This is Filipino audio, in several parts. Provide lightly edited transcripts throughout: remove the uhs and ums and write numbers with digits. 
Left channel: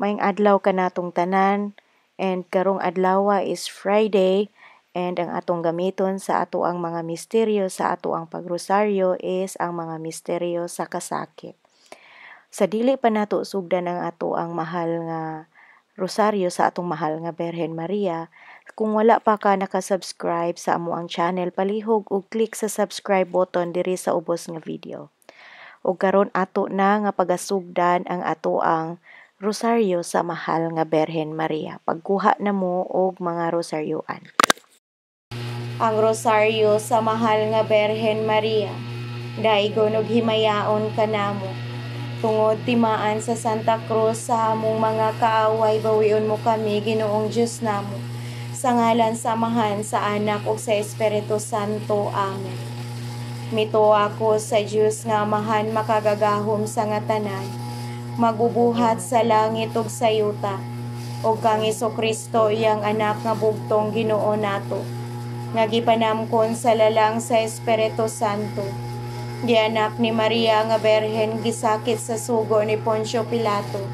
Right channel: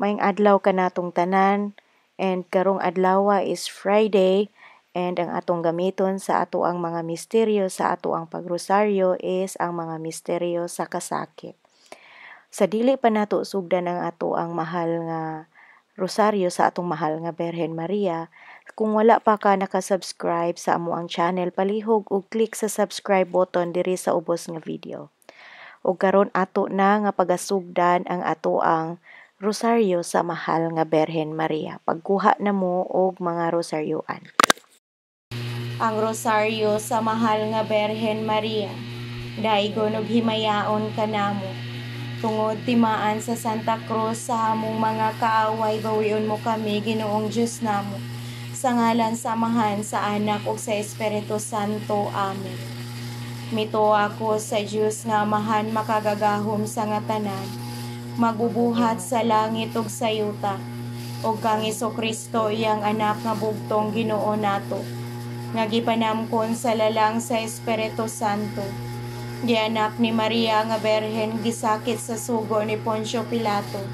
Maayong adlaw kanatong tanan, and karong adlaw is Friday, and ang atong gamiton sa ato ang mga misteryo sa ato ang pagrosaryo is ang mga misteryo sa kasakit. Sa dili pa nato sugdan ang ato ang mahal nga rosaryo sa atong mahal nga Birhen Maria, kung wala pa ka nakasubscribe sa amo ang channel, palihog ug click sa subscribe button diri sa ubos nga video. Ug karon ato na nga pagasugdan ang ato ang rosaryo sa mahal nga Birhen Maria. Pagkuha na mo og mga rosaryoan. Ang rosaryo sa mahal nga Birhen Maria, daigon og himayaon kanamo. Tungod timaan sa Santa Cruz sa among mga kaaway, bawion mo kami, Ginoong Diyos namo. Sa ngalan samahan sa Anak ug sa Espiritu Santo. Amen. Mituwa ako sa Diyos nga amahan makagagahom sa nga tanan, magubuhat sa langit ug sa yuta, ug kang Hesukristo iyang anak nga bugtong Ginoo nato, nga gipanamkon sa lalang sa Espiritu Santo, gianak ni Maria nga Birhen, gisakit sa sugo ni Poncio Pilato,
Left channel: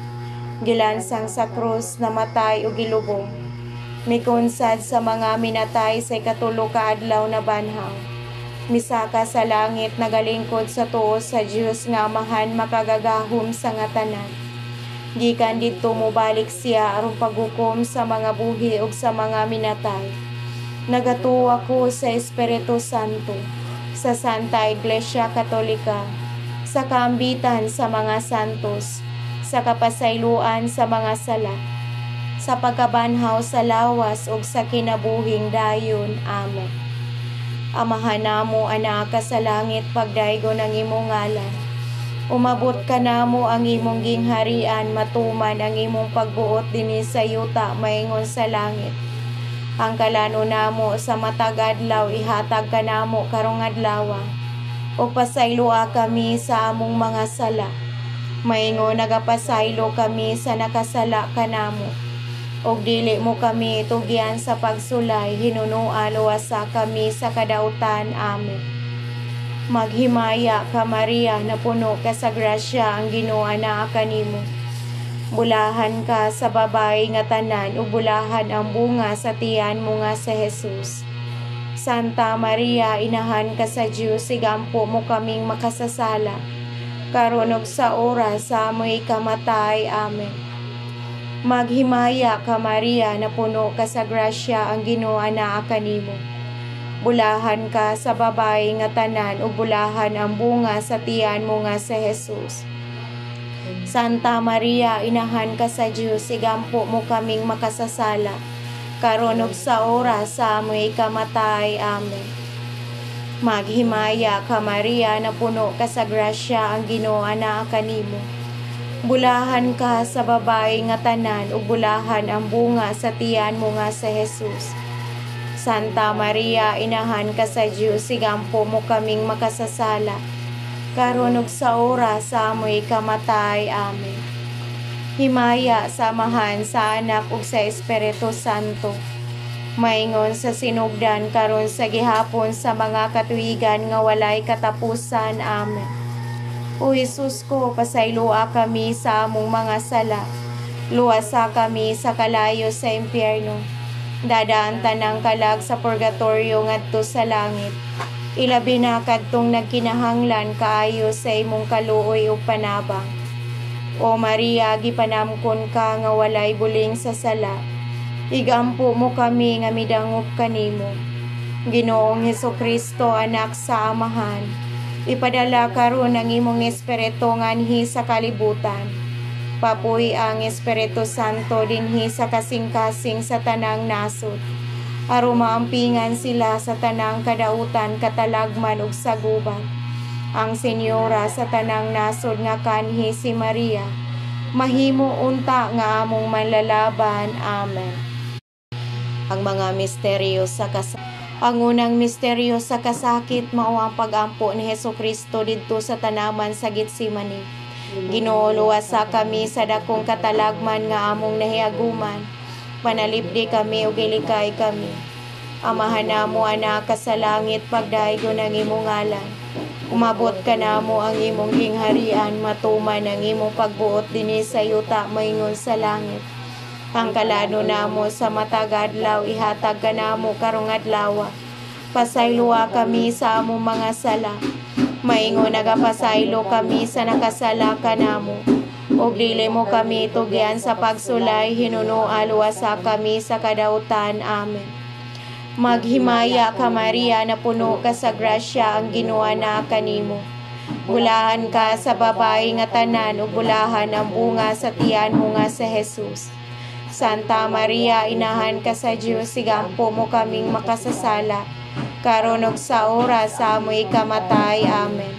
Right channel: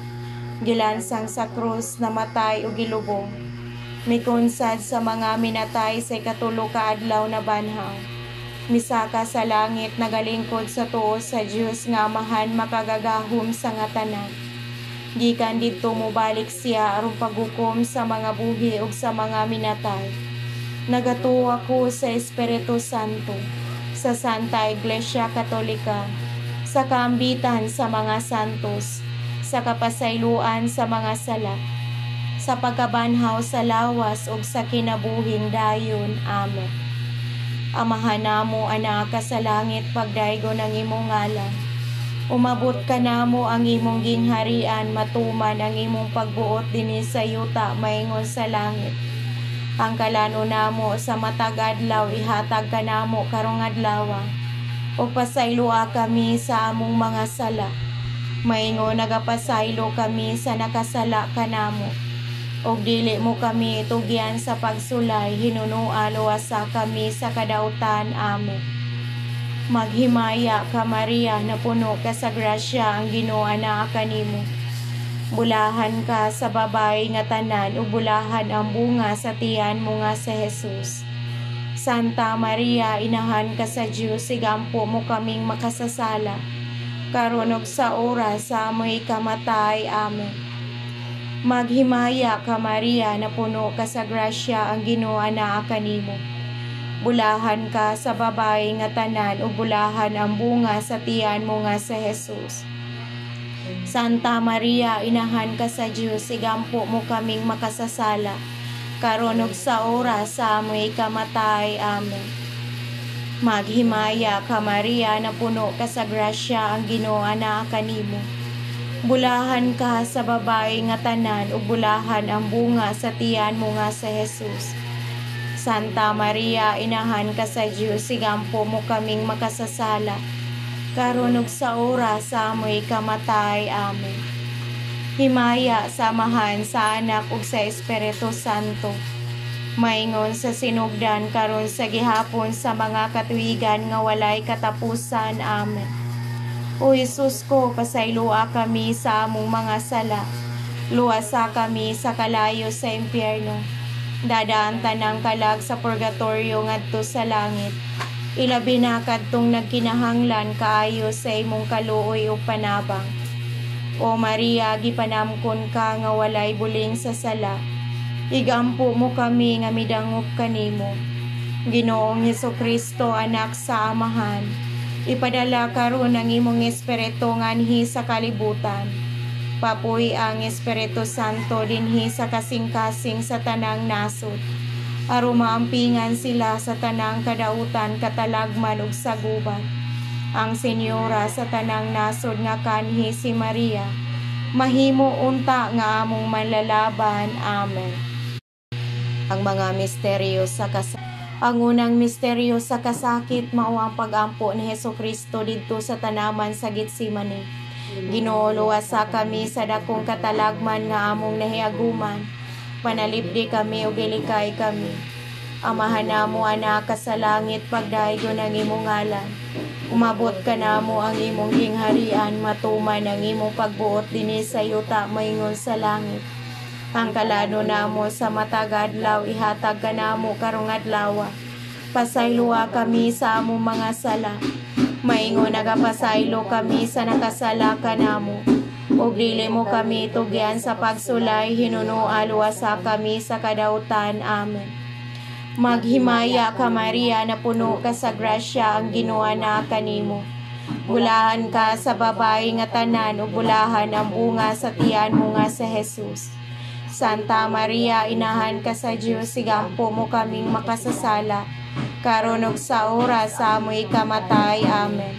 gilansang sa krus, namatay ug gilubong, mikunsad sa mga minatay sa ikatulo ka adlaw na banhaw, misaka sa langit, nagalingkod sa tuo sa Dios nga amahan makagagahom sa nga tanan. Gikan didto mobalik siya aron paghukom sa mga buhi ug sa mga minatay. Nagatuo ako sa Espiritu Santo, sa Santa Iglesia Katolika, sa kaambitan sa mga santos, sa kapasayloan sa mga sala, sa pagkabanhaw sa lawas ug sa kinabuhing dayon. Amen. Amahan namo anak ka sa langit, pagdaygon ang imong ngalan. Umabot ka namo ang imong gingharian, matuman ang imong pagbuot dinhi sa yuta maingon sa langit. Ang kalano namo sa matag adlaw, ihatag ka namo karong adlaw. O pasayloa kami sa among mga sala, maingon nagapasaylo kami sa nakasala kanamo. Og dili mo kami itugyan sa pagsulay, hinunoa luwasa kami sa kadautan. Amen. Maghimaya ka Maria, na puno ka sa grasya, ang Ginoo anaa kanimo. Bulahan ka sa babae nga tanan, ug bulahan ang bunga sa tiyan mo nga sa Jesus. Santa Maria, inahan ka sa Dios, igampo mo kaming makasasala, karon ug sa oras sa amoy kamatay. Amen. Maghimaya ka Maria, na puno ka sa grasya, ang Ginoo anaa kanimo. Bulahan ka sa babae nga tanan, ug bulahan ang bunga sa tiyan mo nga sa Jesus. Santa Maria, inahan ka sa Dios, igampo mo kaming makasasala, karon ug sa oras sa amoy kamatay. Amen. Maghimaya ka Maria, na puno ka sa grasya, ang Ginoo anaa kanimo. Bulahan ka sa babae nga tanan, ug bulahan ang bunga sa tiyan mo nga sa Jesus. Santa Maria, inahan ka sa Dios, igampo mo kaming makasasala, karon ug sa oras sa amoy kamatay. Amen. Himaya samahan sa Anak ug sa Espiritu Santo, maingon sa sinugdan karon sa gihapon sa mga katuigan nga walay katapusan. Amen. O Jesus ko, pasayloa kami sa among mga sala, luwasa kami sa kalayo sa impyerno, dadaan tanang kalag sa purgatorio ngadto sa langit. Ilabi na kadtong nagkinahanglan kaayo sa imong kaluoy ug panabang. O Maria, gipanamkon ka nga walay buling sa sala, igampo mo kami nga midangop kanimo. Ginoong Hesukristo, anak sa amahan, ipadala karon ang imong espiritu nganhi sa kalibutan. Papuy ang Espiritu Santo dinhi sa kasing-kasing sa tanang nasod, aron maampingan sila sa tanang kadautan, katalagman ug saguban. Ang Senyora sa tanang nasod nga kanhi si Maria, mahimo unta nga among manlalaban. Amen. Ang mga misteryo sa Ang unang misteryo sa kasakit mao ang pag-ampo ni Hesukristo didto sa tanaman sa Getsemani. Ginoo, luwasa kami sa dakong katalagman nga among nahiaguman, panalipdi kami ug ilikay kami. Amahan namo anak ka sa langit, pagdaygon ang imong ngalan. Umabot ka namo ang imong gingharian, matuman ang imong pagbuot dinhi sa yuta moingon sa langit. Ang kalano namo sa matag adlaw ihatag ka namo karong adlaw. Pasayloa kami sa among mga sala. Maingon nagapasaylo kami sa nakasala kanamo. Ug dili mo kami tugyan sa pagsulay, hinunoa luwasa kami sa kadautan. Amen. Maghimaya ka Maria, na puno ka sa grasya, ang Ginoo na kanimo. Bulahan ka sa babae nga tanan, ug bulahan ang bunga sa tiyan mo nga sa Jesus. Santa Maria, inahan ka sa Dios, sigampo mo kaming makasasala, karon ug sa oras sa amoy kamatay. Amen.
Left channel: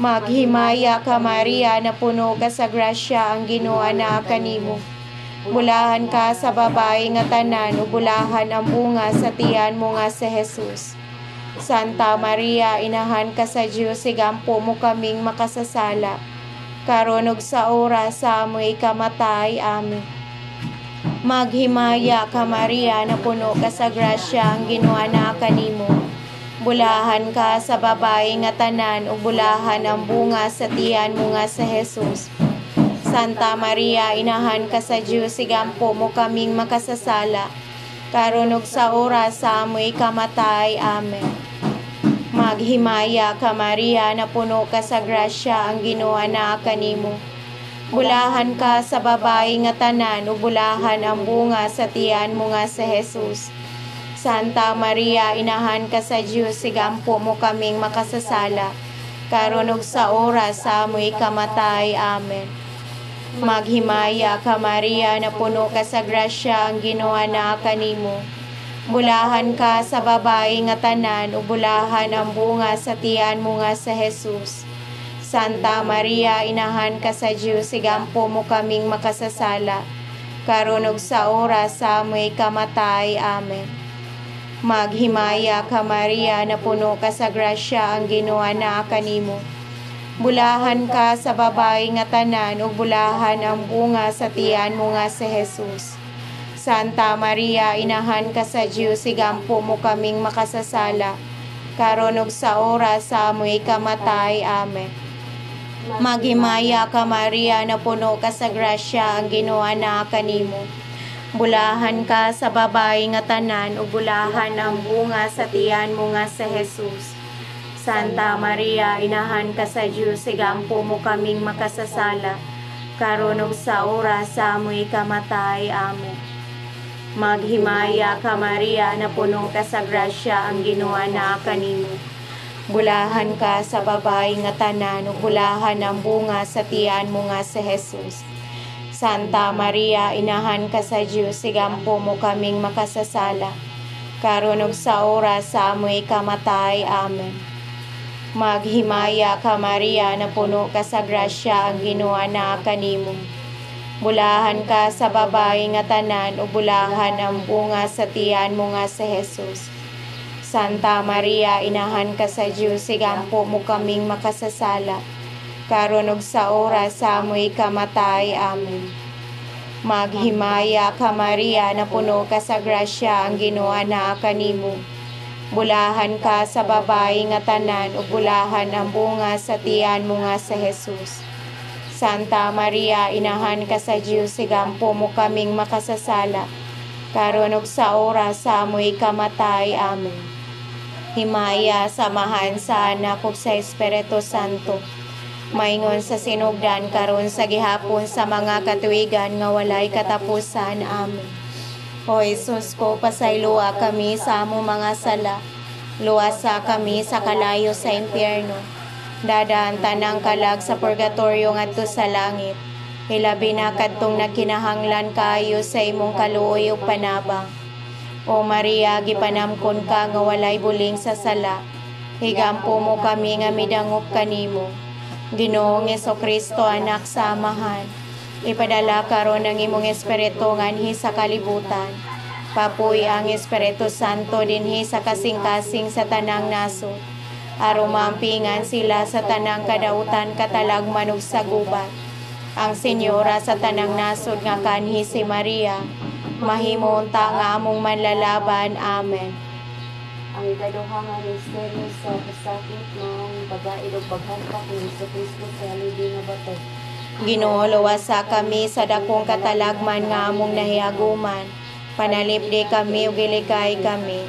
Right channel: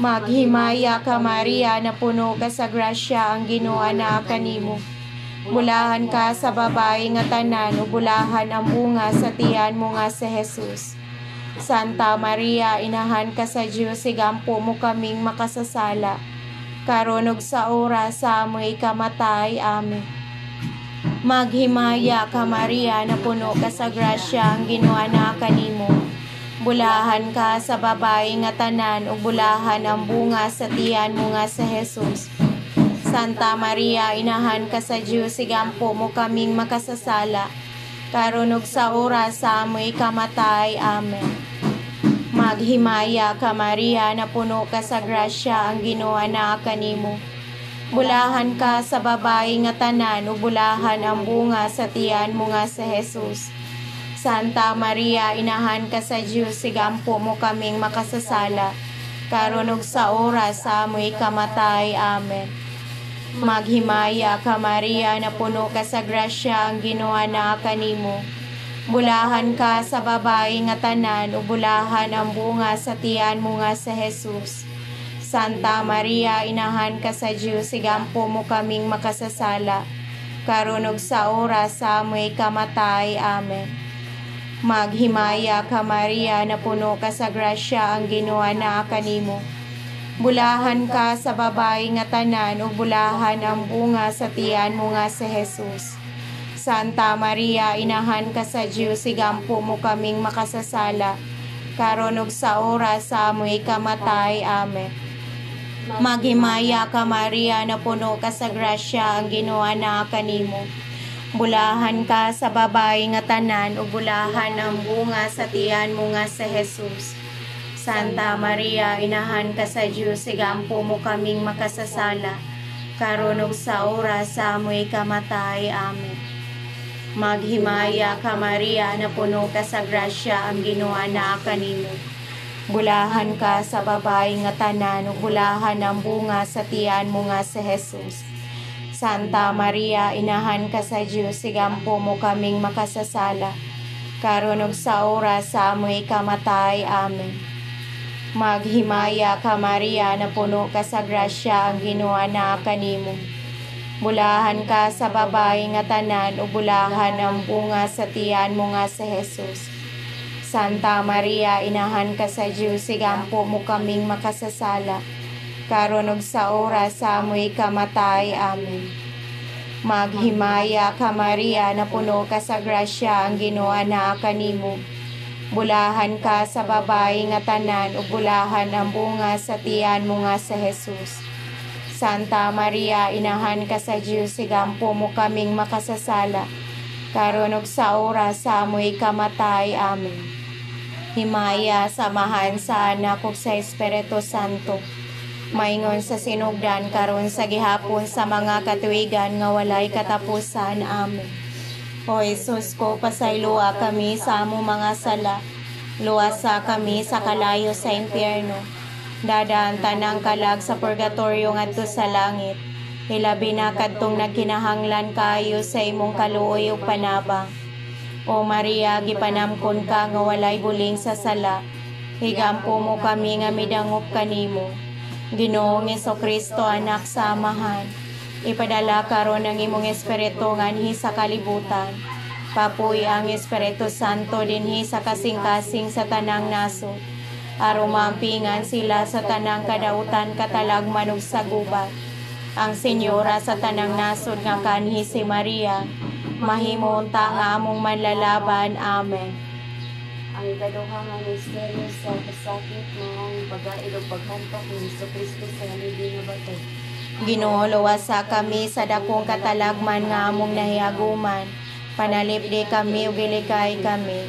Maghimaya ka Maria, na puno ka sa grasya, ang Ginoo na kanimo. Bulahan ka sa babae nga tanan, ug bulahan ang bunga sa tiyan mo nga sa Jesus. Santa Maria, inahan ka sa Dios, sigampo mo kaming makasasala, karon ug sa oras sa amoy kamatay. Amen. Maghimaya ka Maria, na puno ka sa grasya, ang Ginoo na kanimo. Bulahan ka sa babae nga tanan, ug bulahan ang bunga sa tiyan mo nga sa Jesus. Santa Maria, inahan ka sa Dios, sigampo mo kaming makasasala, karon ug sa oras sa amoy kamatay. Amen. Maghimaya ka Maria, na puno ka sa grasya, ang Ginoo na kanimo. Bulahan ka sa babae nga tanan, ug bulahan ang bunga sa tiyan mo nga sa Jesus. Santa Maria, inahan ka sa Dios, sigampo mo kaming makasasala, karon ug sa oras sa amoy kamatay. Amen. Maghimaya ka Maria, na puno ka sa grasya, ang Ginoo na kanimo. Bulahan ka sa babae nga tanan, ug bulahan ang bunga sa tiyan mo nga sa Jesus. Santa Maria, inahan ka sa Dios, sigampo mo kaming makasasala, karon ug sa oras sa amoy kamatay. Amen. Maghimaya ka Maria, na puno ka sa grasya, ang Ginoo na kanimo. Bulahan ka sa babae nga tanan, ug bulahan ang bunga sa tiyan mo nga sa Jesus. Santa Maria, inahan ka sa Dios, sigampo mo kaming makasasala, karon ug sa oras sa amoy kamatay. Amen. Maghimaya ka Maria, na puno ka sa grasya, ang Ginoo na kanimo. Bulahan ka sa babae nga tanan, ug bulahan ang bunga sa tiyan mo nga sa Jesus. Santa Maria, inahan ka sa Dios, sigampo mo kaming makasasala, karon ug sa oras sa amoy kamatay. Amen. Maghimaya ka Maria, na puno ka sa grasya, ang Ginoo na kanimo. Bulahan ka sa babae nga tanan, ug bulahan ang bunga sa tiyan mo nga sa Jesus. Santa Maria, inahan ka sa Dios, sigampo mo kaming makasasala, karon ug sa oras sa amoy kamatay. Amen. Maghimaya ka Maria, na puno ka sa grasya, ang Ginoo na kanimo. Bulahan ka sa babae nga tanan, ug bulahan ang bunga sa tiyan mo nga sa Jesus. Santa Maria, inahan ka sa Dios, sigampo mo kaming makasasala, karon ug sa oras sa amoy kamatay. Amen. Maghimaya ka Maria, na puno ka sa grasya, ang Ginoo na kanimo. Bulahan ka sa babae nga tanan, ug bulahan ang bunga sa tiyan mo nga sa Jesus. Santa Maria, inahan ka sa Dios, sigampo mo kaming makasasala, karon ug sa oras sa amoy kamatay. Amen. Himaya samahan sa Anak ug sa Espiritu Santo, maingon sa sinugdan karon sa gihapon sa mga katuigan nga walay katapusan. Amen. O Jesus ko, pasayloa kami sa among mga sala, luwasa kami sa kalayo sa impyerno, dadaan tanang kalag sa purgatorio ngadto sa langit, hilabi na kadtong nagkinahanglan kayo sa imong kaluoy ug panabang. O Maria, gipanamkon ka nga walay buling sa sala, higampo mo kami nga midangop kanimo. Ginoong Jesucristo, anak sa amahan, ipadala karon ang imong espiritu nganhi sa kalibutan. Papuy ang Espiritu Santo dinhi sa kasing-kasing sa tanang nasod, aron maampingan sila sa tanang kadautan katalagman ug sa gubat. Ang Senyora sa tanang nasod nga kanhi si Maria, mahimo unta nga among manlalaban. Amen. ang ikaduha nga misteryo sa pasakit ng pag-aid o paghampak ni Jesucristo sa haligi nga bato. Ginoo, luwasa kami sa dakong katalagman nga among nahiaguman. Panalipdi kami ug gilikay kami.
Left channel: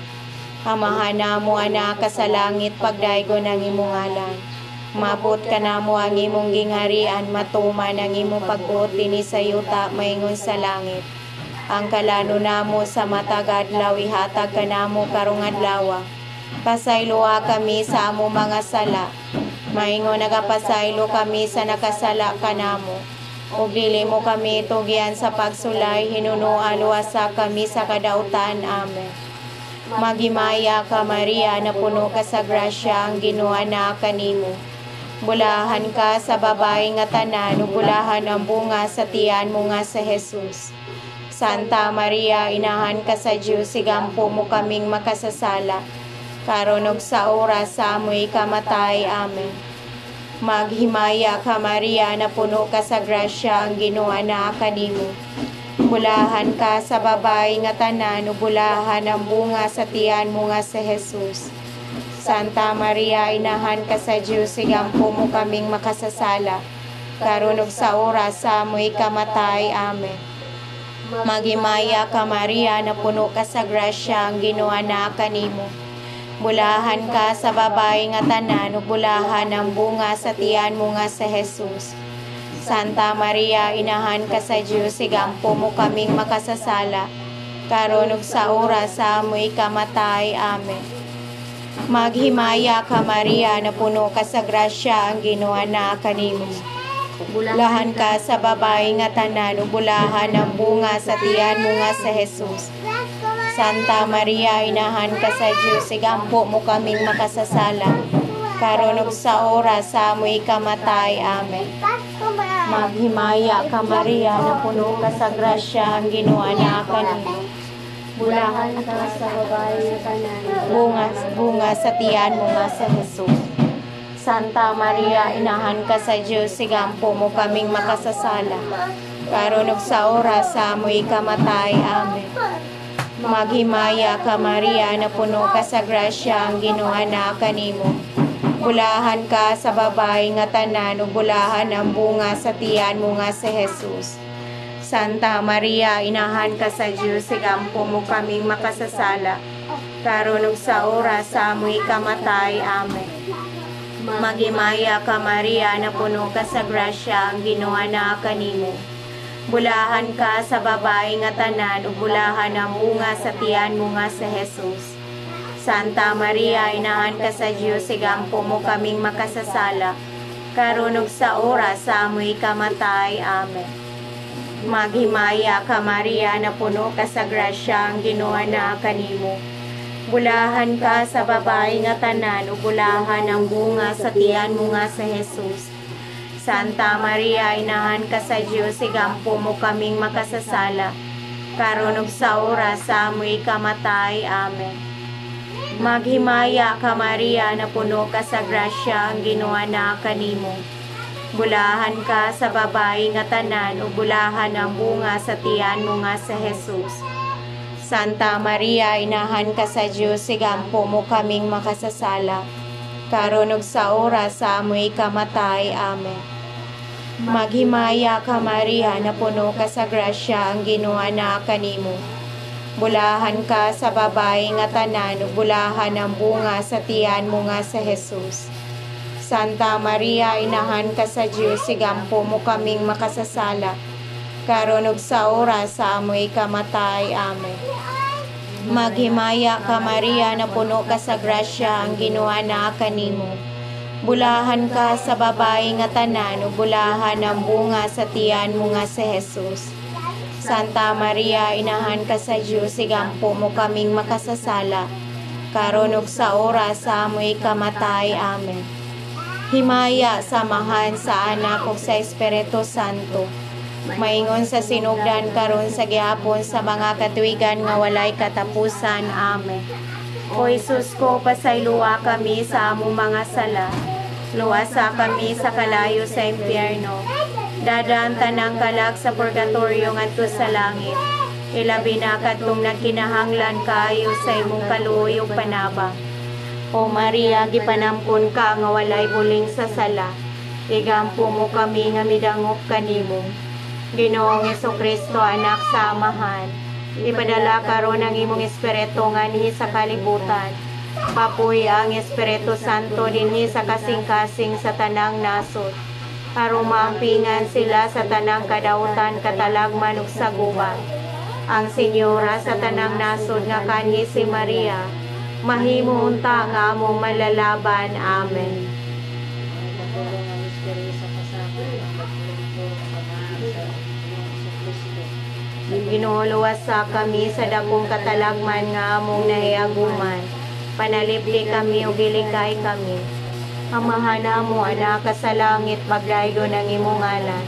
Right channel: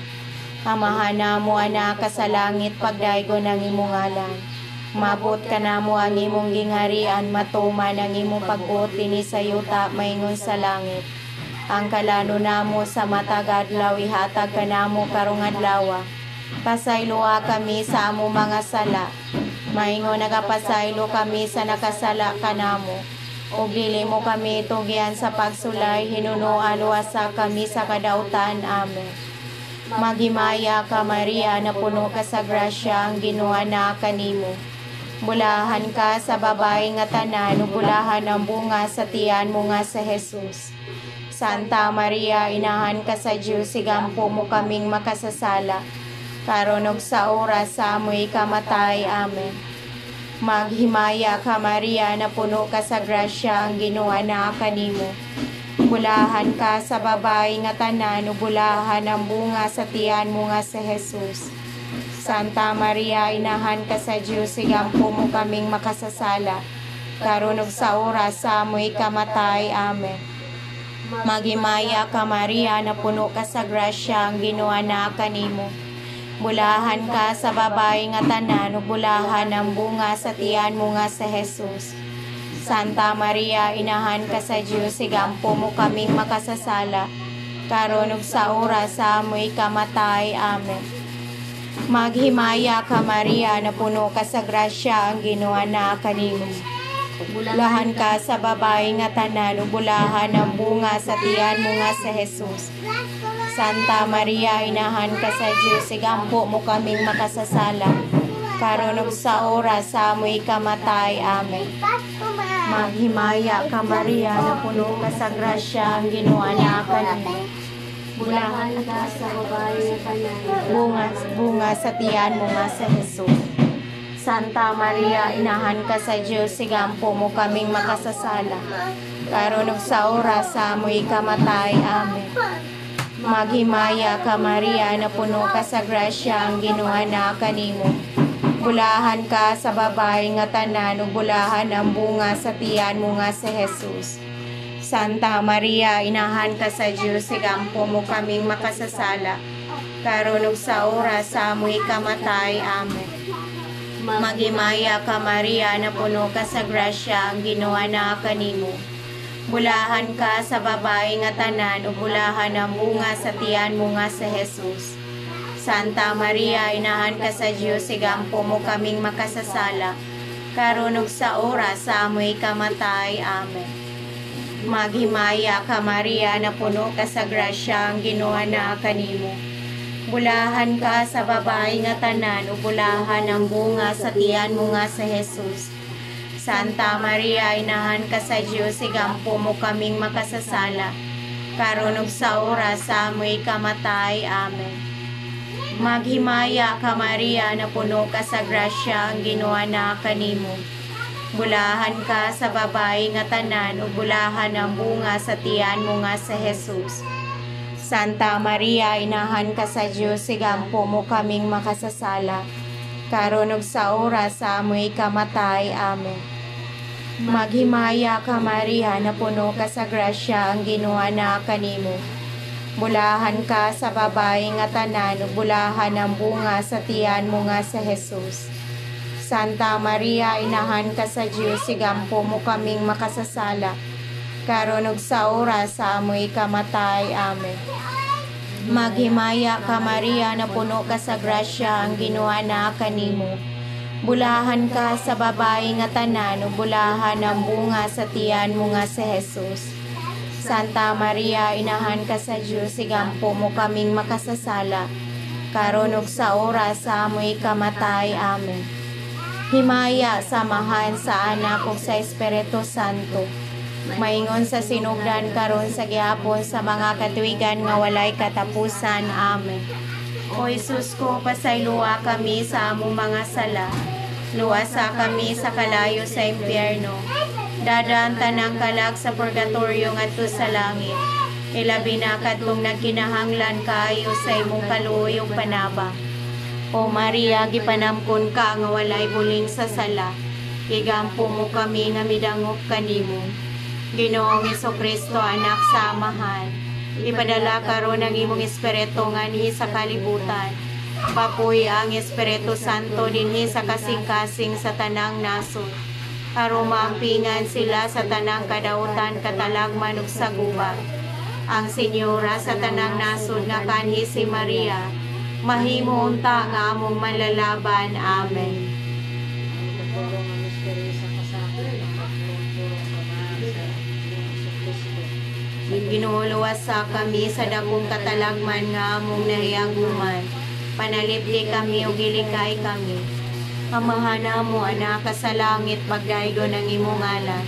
Amahan namo ana ka sa langit, pagdaygo ng imong ngalan. Mabot ka namo ang imong gingharian, matuman ang imong pagbuot dinhi sa yuta maingon sa langit. Ang kalano namo sa matag adlaw ihatag ka namo karong adlaw. Pasayloa kami sa among mga sala. Maingon nagapasaylo kami sa nakasala kanamo. Ug dili mo kami tugyan sa pagsulay, hinunoan luwasa kami sa kadautan. Amen. Maghimaya ka Maria, na puno ka sa grasya, ang Ginoo na kanimo. Bulahan ka sa babae nga tanan, ug bulahan ang bunga sa tiyan mo nga sa Jesus. Santa Maria, inahan ka sa Diyos, sigampo mo kaming makasasala. Karon ug sa oras sa amoy kamatay. Amen. Maghimaya ka Maria, na puno ka sa grasya, ang Ginoo na kanimo. Bulahan ka sa babae nga tanan, ug bulahan ang bunga sa tiyan mo nga sa Jesus. Santa Maria, inahan ka sa Diyos, sigampo mo kaming makasasala. Karon ug sa oras sa amoy kamatay. Amen. Maghimaya ka Maria, na puno ka sa grasya, ang Ginoo na kanimo. Bulahan ka sa babae nga tanan, ug bulahan ang bunga sa tiyan mo nga sa Jesus. Santa Maria, inahan ka sa Diyos, sigampo mo kaming makasasala. Karon ug sa oras sa amoy kamatay. Amen. Maghimaya ka Maria, na puno ka sa grasya, ang Ginoo na kanimo. Bulahan ka sa babae nga tanan, ug bulahan ang bunga sa tiyan mo nga sa Jesus. Santa Maria, inahan ka sa Diyos, sigampo mo kaming makasasala. Karon ug sa oras sa amoy kamatay. Amen. Maghimaya ka Maria, na puno ka sa grasya, ang Ginoo na kanimo. Bulahan ka sa babae nga tanan, Bunga sa tiyan mo nga sa Jesus. Santa Maria, inahan ka sa Diyos, sigampo mo kaming makasasala. Karon ug sa oras sa amoy kamatay. Amen. Maghimaya ka Maria, na puno ka sa grasya, ang Ginoo na kanimo. Bulahan ka sa babae nga tanan, ug bulahan ang bunga sa tiyan mo nga sa Jesus. Santa Maria, inahan ka sa Diyos, sigampo mo kaming makasasala. Karon ug sa oras sa amoy kamatay. Amen. Maghimaya ka Maria, na puno ka sa grasya, ang Ginoo na kanimo. Bulahan ka sa babae nga tanan, ug bulahan ang bunga sa tiyan mo nga sa Jesus. Santa Maria, inahan ka sa Diyos, sigampo mo kaming makasasala. Karon ug sa oras sa amoy kamatay. Amen. Maghimaya ka Maria, na puno ka sa grasya, ang Ginoo na kanimo. Bulahan ka sa babae nga tanan, ug bulahan ang bunga sa tiyan mo nga sa Jesus. Santa Maria, inahan ka sa Diyos, sigampo mo kaming makasasala. Karon ug sa oras sa amoy kamatay. Amen. Maghimaya ka Maria, na puno ka sa grasya, ang Ginoo na kanimo. Bulahan ka sa babae nga tanan, ug bulahan ang bunga sa tiyan mo nga sa Jesus. Santa Maria, inahan ka sa Diyos, sigampo mo kaming makasasala. Karon ug sa oras sa amoy kamatay. Amen. Maghimaya ka Maria, na puno ka sa grasya, ang Ginoo na kanimo. Bulahan ka sa babae nga tanan, ug bulahan ang bunga sa tiyan mo nga sa Jesus. Santa Maria, inahan ka sa Diyos, sigampo mo kaming makasasala. Karon ug sa oras sa amoy kamatay. Amen. Maghimaya ka Maria, na puno ka sa grasya, ang Ginoo na kanimo. Bulahan ka sa babae nga tanan, ug bulahan ang bunga sa tiyan mo nga sa Jesus. Santa Maria, inahan ka sa Diyos, sigampo mo kaming makasasala. Karon ug sa oras sa amoy kamatay. Amen. Himaya samahan sa Anak ug sa Espiritu Santo. Maingon sa sinugdan karon sa gihapon sa mga katuigan nga walay katapusan. Amen. O Jesus ko, pasayloa kami sa among mga sala. Luwasa kami sa kalayo sa impyerno. Dadaan tanang kalag sa purgatorio ngadto sa langit. ilabi na kadtong nagkinahanglan kaayo sa imong kaluyog panaba. O Maria, gipanamkon ka nga walay buling sa sala, igampo mo kami nga midangop kanimo. Ginoong Jesucristo, anak sa Amahan, ipadala karon ang imong espiritu nganhi sa kalibutan. Papuy ang Espiritu Santo dinhi sa kasing-kasing sa tanang nasod. Aron maampingan sila sa tanang kadautan, katalagman ug saguban. Ang Senyora sa tanang nasod nga kanhi si Maria, mahimo unta nga among manlalaban. Amen. Nagpulong ang misteryo sa pasakot, nagpulong sa mga sa Ginoo Kristo. Ginuluwas sa kami sa dagong katalagman nga among nahiaguman. Panalipdi kami o gilikay kami. Amahan mo, anak ka sa langit, magdaydo ng imong ngalan.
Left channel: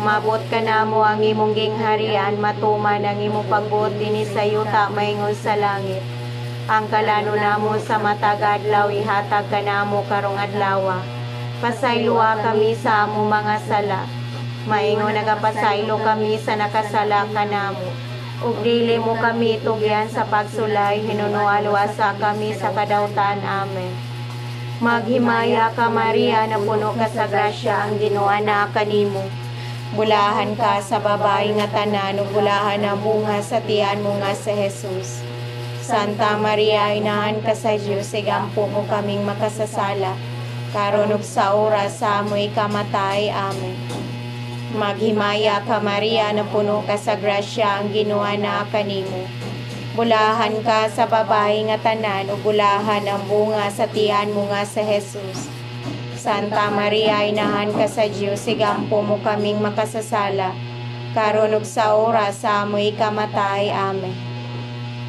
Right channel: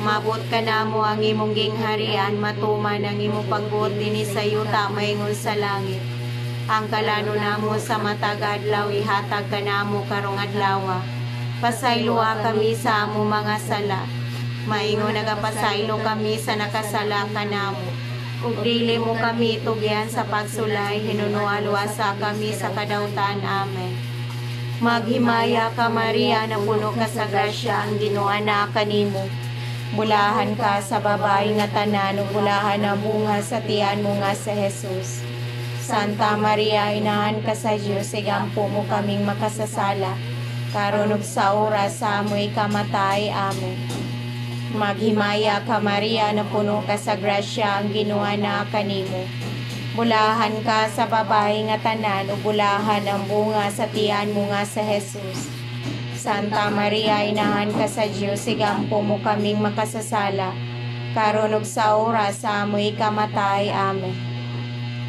Mabot ka na mo ang imong gingharian, matuman ang imong pagbuot dinhi sa yuta maingol sa langit. Ang kalano namo sa matag adlaw, ihatag ka namo karong adlaw. Pasaylua kami sa among mga sala. Maingon nagapasaylo kami sa nakasala kanamo. Ug dili mo kami tugyan sa pagsulay, hinunuan-wasa kami sa kadautan. Amen. Maghimaya ka Maria, na puno ka sa grasya, ang Ginoo na kanimo. Bulahan ka sa babae nga tanan, ug bulahan ang bunga sa tiyan mo nga sa Jesus. Santa Maria, inahan ka sa Dios, igampo mo kaming makasasala, karon ug sa oras sa amoy kamatay. Amen. Maghimaya ka Maria, na puno ka sa grasya, ang Ginoo na kanimo. Bulahan ka sa babae nga tanan, ug bulahan ang bunga sa tiyan mo nga sa Jesus. Santa Maria, inahan ka sa Dios, igampo mo kaming makasasala, karon ug sa oras sa amoy kamatay. Amen.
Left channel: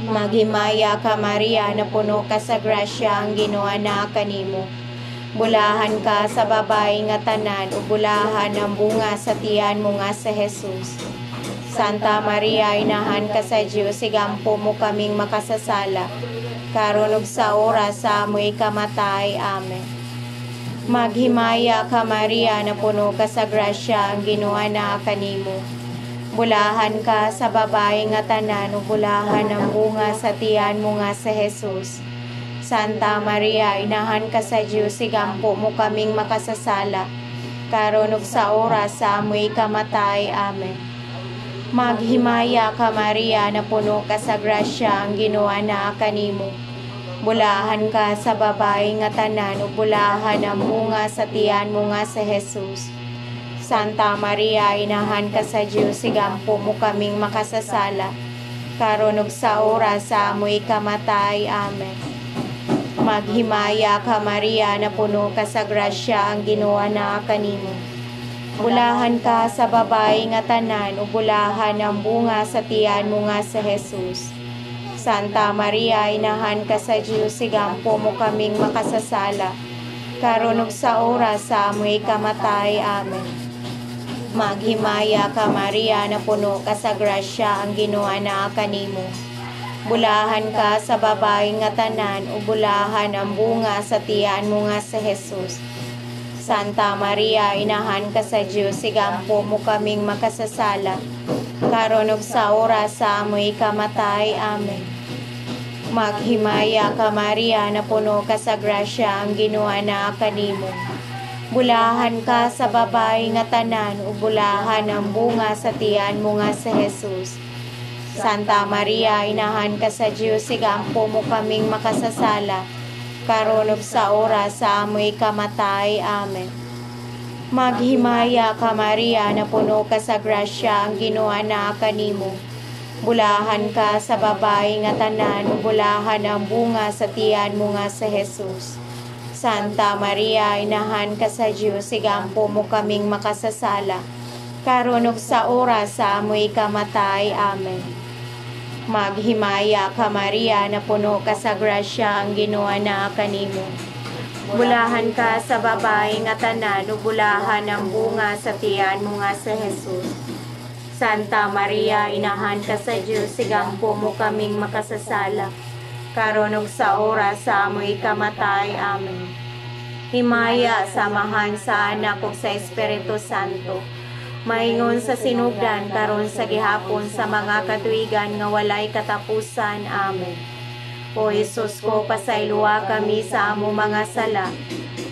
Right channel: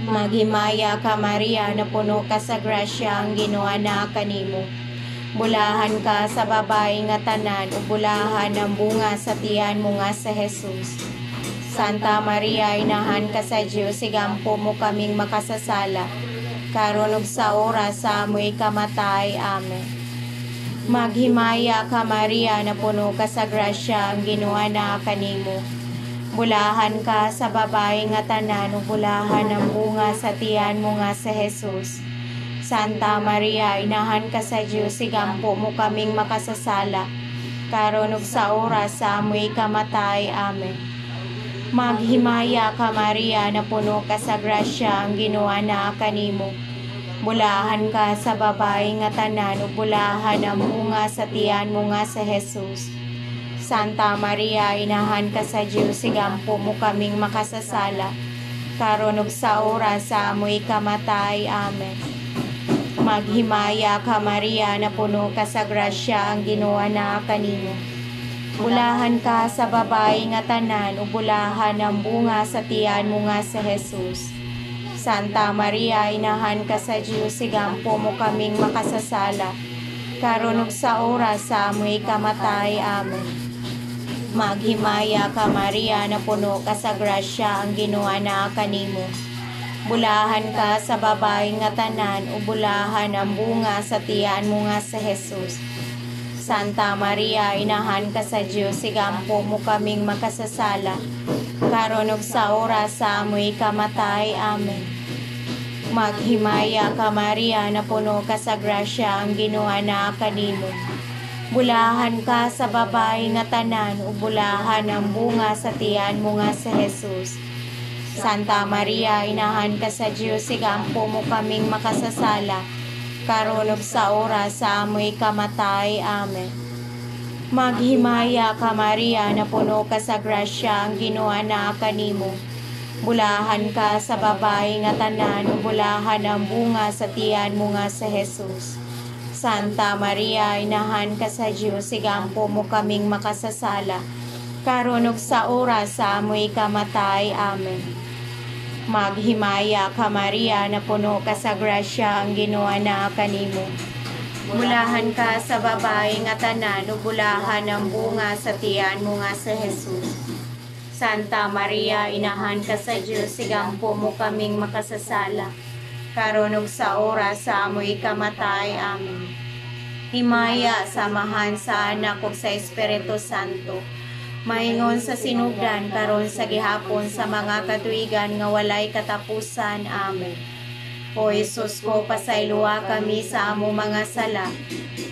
Maghimaya ka Maria, na puno ka sa grasya, ang Ginoo na kanimo. Bulahan ka sa babae nga tanan, ug bulahan ang bunga sa tiyan mo nga sa Jesus. Santa Maria, inahan ka sa Dios, igampo mo kaming makasasala, karon ug sa oras sa amoy kamatay. Amen. Maghimaya ka Maria, na puno ka sa grasya, ang Ginoo na kanimo. Bulahan ka sa babae nga tanan, ug bulahan ang bunga sa tiyan mo nga sa Jesus. Santa Maria, inahan ka sa Dios, igampo mo kaming makasasala, karon ug sa oras sa amoy kamatay. Amen. Maghimaya ka Maria, na puno ka sa grasya, ang Ginoo na kanimo. Bulahan ka sa babae nga tanan, ug bulahan ang bunga sa tiyan mo nga sa Jesus. Santa Maria, inahan ka sa Dios, igampo mo kaming makasasala, karon ug sa oras sa amoy kamatay. Amen. Maghimaya ka Maria, na puno ka sa grasya, ang Ginoo na kanimo. Bulahan ka sa babae nga tanan, ug bulahan ang bunga sa tiyan mo nga sa Jesus. Santa Maria, inahan ka sa Dios, igampo mo kaming makasasala, karon ug sa oras sa amoy kamatay. Amen. Maghimaya ka Maria, na puno ka sa grasya, ang Ginoo na kanimo. Bulahan ka sa babae nga tanan, ug bulahan ang bunga sa tiyan mo nga sa Jesus. Santa Maria, inahan ka sa Dios, igampo mo kaming makasasala, karon ug sa oras sa amoy kamatay. Amen. Maghimaya ka Maria, na puno ka sa grasya, ang Ginoo na kanimo. Bulahan ka sa babae nga tanan, ug bulahan ang bunga sa tiyan mo nga sa Jesus. Santa Maria, inahan ka sa Dios, igampo mo kaming makasasala, karon ug sa oras sa amoy kamatay. Amen. Maghimaya ka Maria, na puno ka sa grasya, ang Ginoo na kanimo. Bulahan ka sa babae nga tanan, ug bulahan ang bunga sa tiyan mo nga sa Jesus. Santa Maria, inahan ka sa Dios, igampo mo kaming makasasala, karon ug sa oras sa amoy kamatay. Amen. Maghimaya ka Maria, na puno ka sa grasya, ang Ginoo na kanimo. Bulahan ka sa babae nga tanan, ug bulahan ang bunga sa tiyan mo nga sa Jesus. Santa Maria, inahan ka sa Dios, igampo mo kaming makasasala, karon ug sa oras sa amoy kamatay. Amen. Himaya, samahan sa Anak ug sa Espiritu Santo, maingon sa sinugdan karon sa gihapon sa mga katuigan nga walay katapusan. Amen. O Jesus ko, pasayloa kami sa amo mga sala,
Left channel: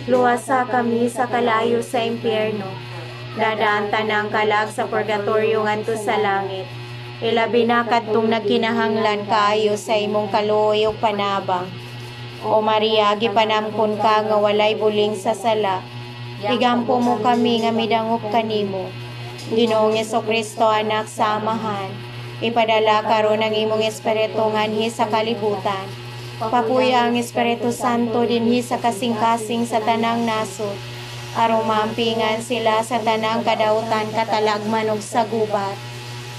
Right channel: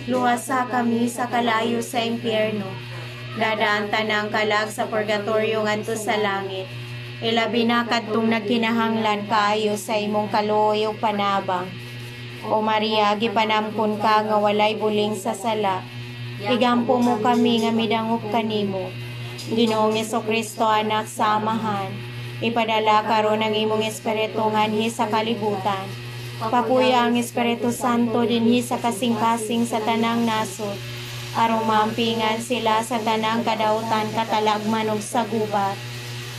luwasa kami sa kalayo sa impyerno, dadaan tanang kalag sa purgatorio ngadto sa langit, ilabi na kadtong nagkinahanglan kaayo sa imong kaluoy ug panabang. O Maria, gipanamkon ka nga walay buling sa sala, igampo mo kami nga midangop kanimo. Ginoong Jesucristo, anak sa amahan, ipadala karon ang imong espiritu nganhi sa kalibutan. Pakuya ang Espiritu Santo dinhi sa kasing-kasing sa tanang nasod, aron maampingan sila sa tanang kadautan, katalagman ug sa gubat.